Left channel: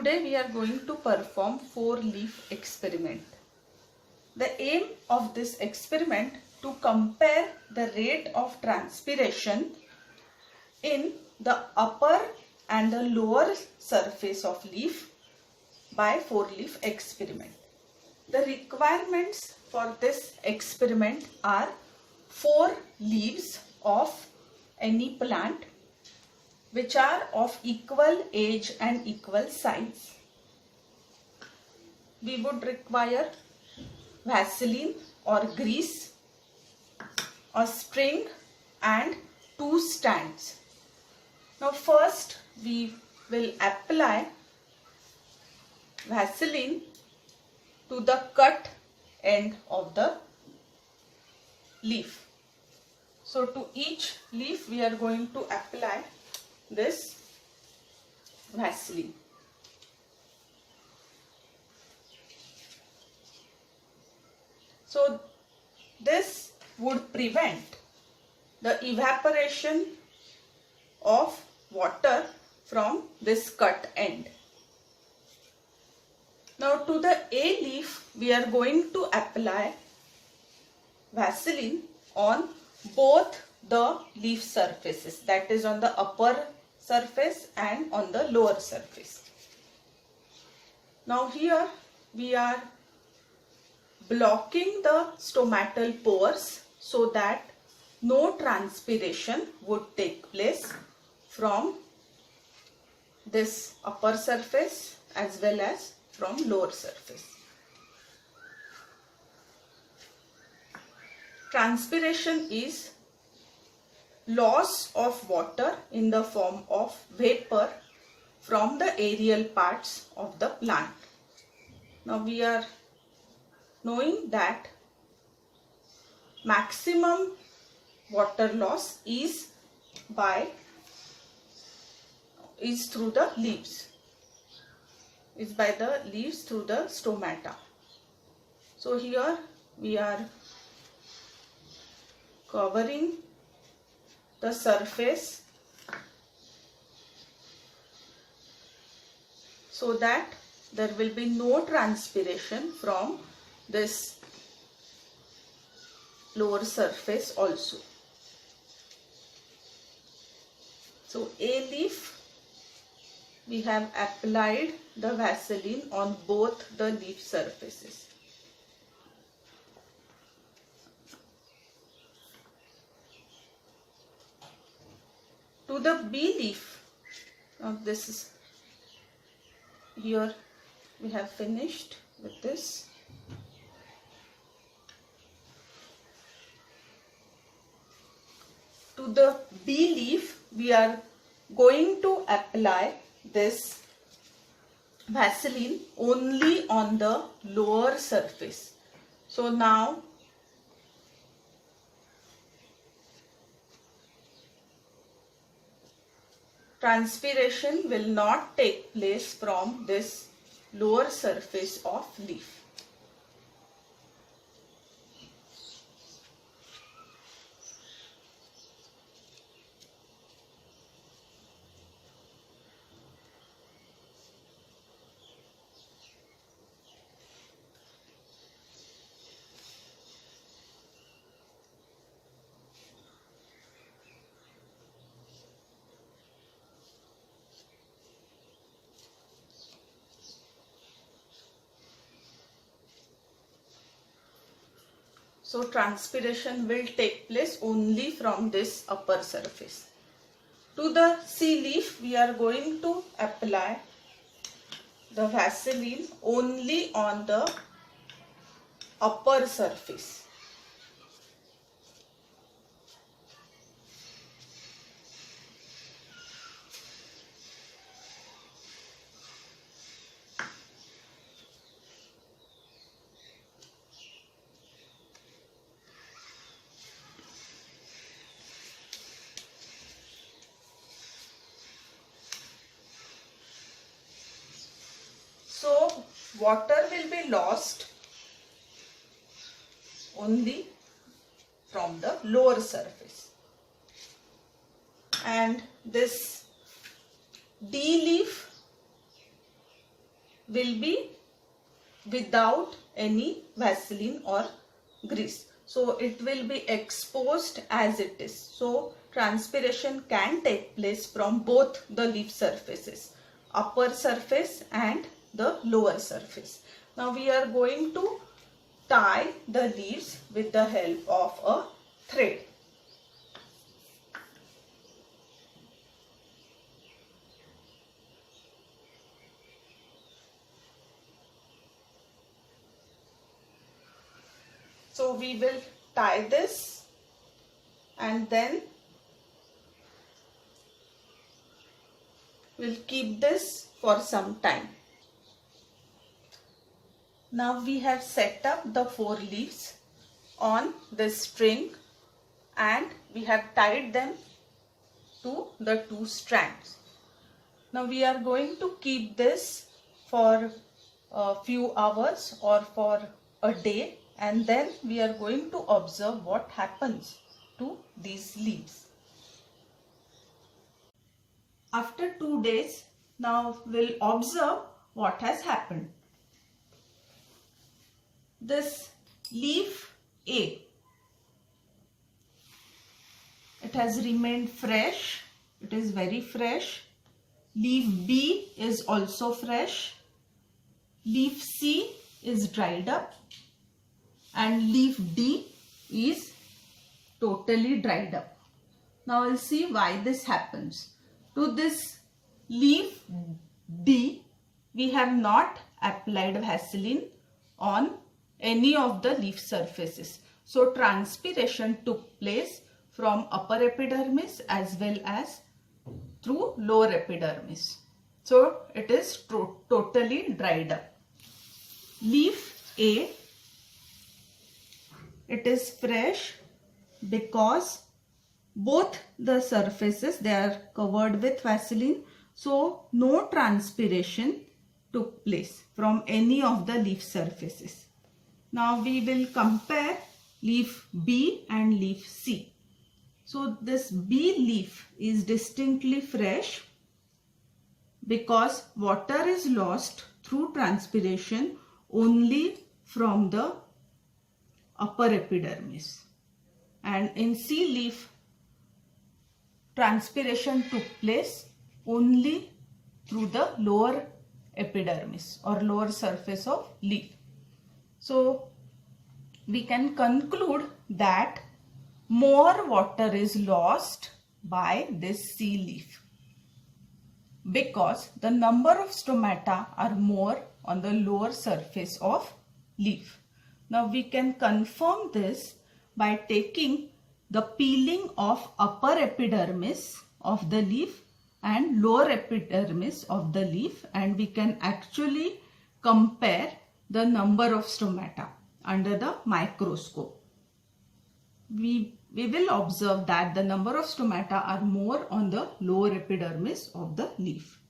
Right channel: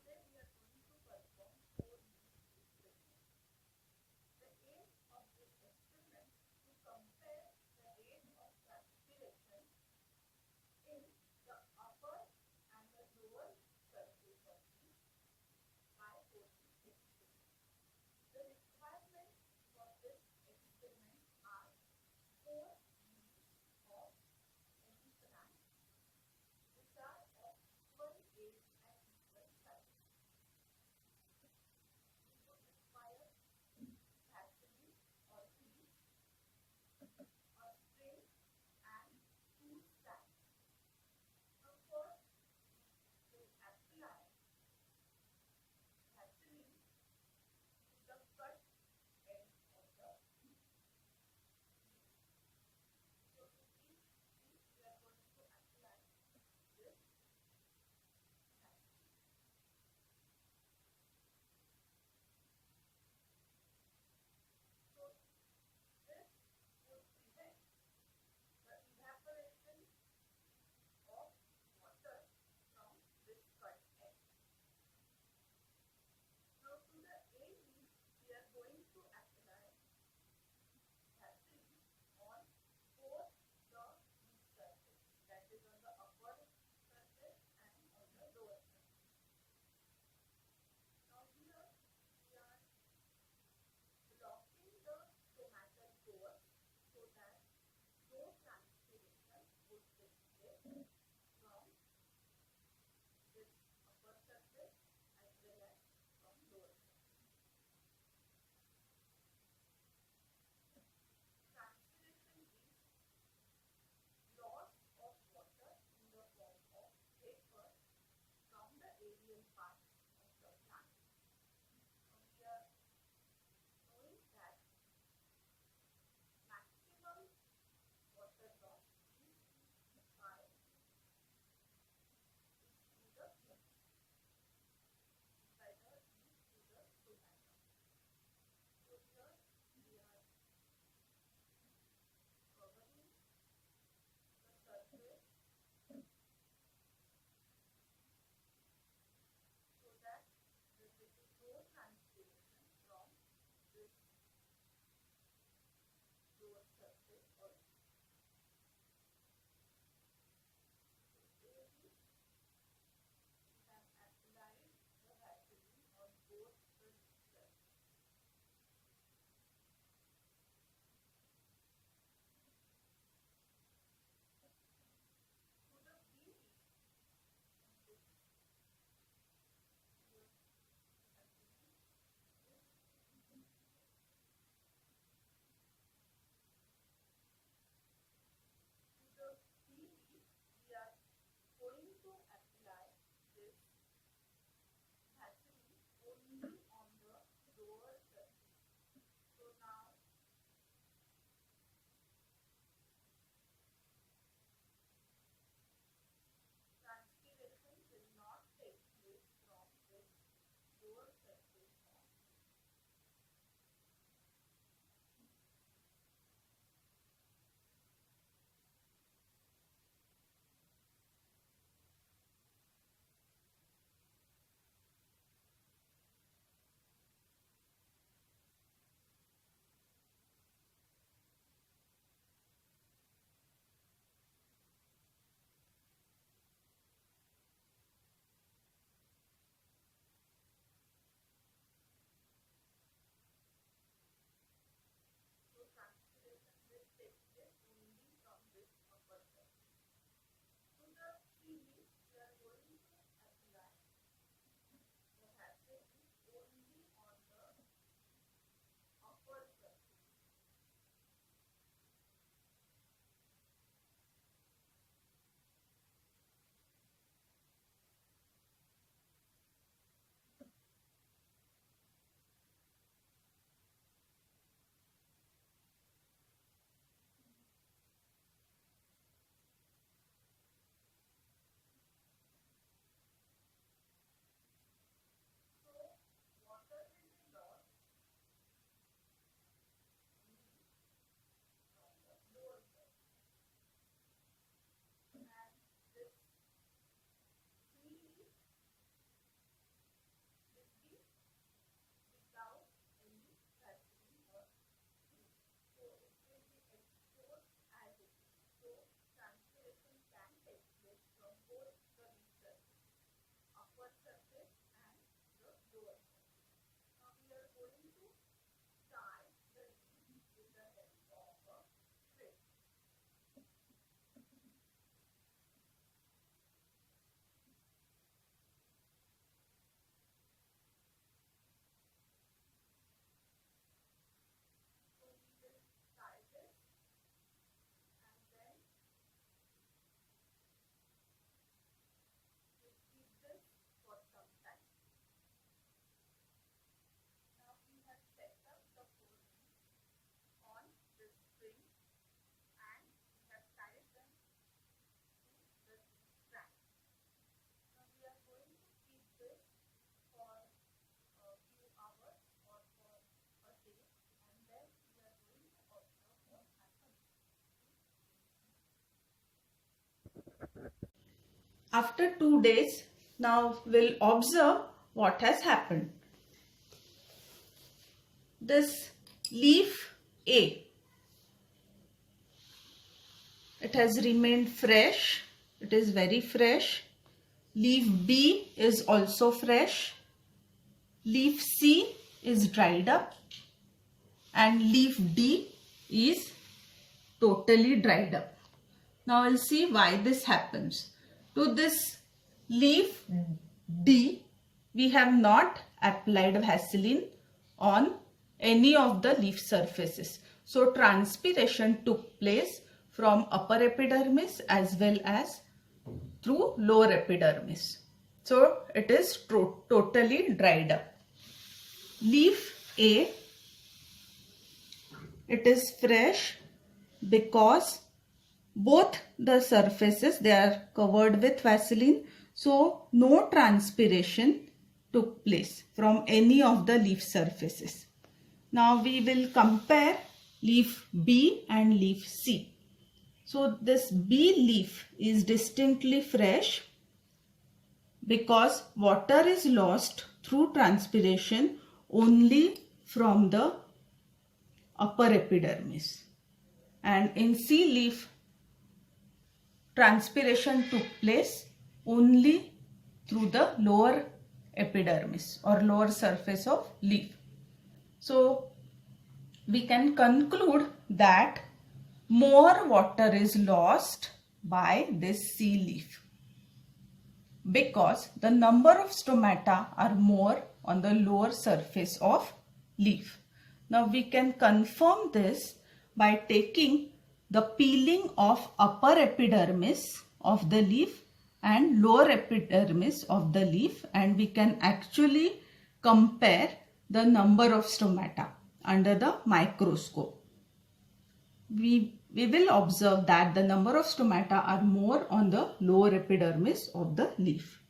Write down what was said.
Today we are going to perform 4-leaf experiment. The aim of this experiment to compare the rate of transpiration in the upper and the lower surface of leaf by 4-leaf experiment. The requirements for this experiment are 4 leaves of any plant which are of equal age and equal size. We would require Vaseline or grease, a spring and 2 stands. Now first we will apply Vaseline to the cut end of the leaf. So to each leaf we are going to apply this Vaseline. So this would prevent the evaporation of water from this cut end. Now to the A leaf we are going to apply Vaseline on both the leaf surfaces, that is on the upper surface and on the lower surface. Now here we are blocking the stomatal pores so that no transpiration would take place from this upper surface as well as from lower surface. Transpiration is loss of water in the form of vapor from the aerial parts of the plant. Now we are knowing that maximum water loss is through the leaves, by the leaves through the stomata. So here we are covering the surface so that there will be no transpiration from this lower surface also. So A leaf we have applied the Vaseline on both the leaf surfaces. To the B leaf, this is here we have finished with this. To the B leaf we are going to apply this Vaseline only on the lower surface. So now transpiration will not take place from this lower surface of leaf. So transpiration will take place only from this upper surface. To the C leaf we are going to apply the Vaseline only on the upper surface. So water will be lost only from the lower surface. And this D leaf will be without any Vaseline or grease. So it will be exposed as it is. So transpiration can take place from both the leaf surfaces, upper surface and the lower surface. Now we are going to tie the leaves with the help of a thread. So we will tie this and then we'll keep this for some time. Now we have set up the 4 leaves on this string and we have tied them to the 2 strands. Now we are going to keep this for a few hours or for a day, and then we are going to observe what happens to these leaves. After 2 days, now we'll observe what has happened. This leaf A, it has remained fresh, it is very fresh. Leaf B is also fresh. Leaf C is dried up and leaf D is totally dried up. Now we'll see why this happens. To this leaf D, we have not applied Vaseline on any of the leaf surfaces. So transpiration took place from upper epidermis as well as through lower epidermis. So it is totally dried up. Leaf A, it is fresh because both the surfaces, they are covered with Vaseline. So no transpiration took place from any of the leaf surfaces. Now we will compare leaf B and leaf C. So this B leaf is distinctly fresh because water is lost through transpiration only from the upper epidermis. And in C leaf, transpiration took place only through the lower epidermis or lower surface of leaf. So we can conclude that more water is lost by this C leaf because the number of stomata are more on the lower surface of leaf. Now we can confirm this by taking the peeling of upper epidermis of the leaf and lower epidermis of the leaf, and we can actually compare the number of stomata under the microscope. We will observe that the number of stomata are more on the lower epidermis of the leaf.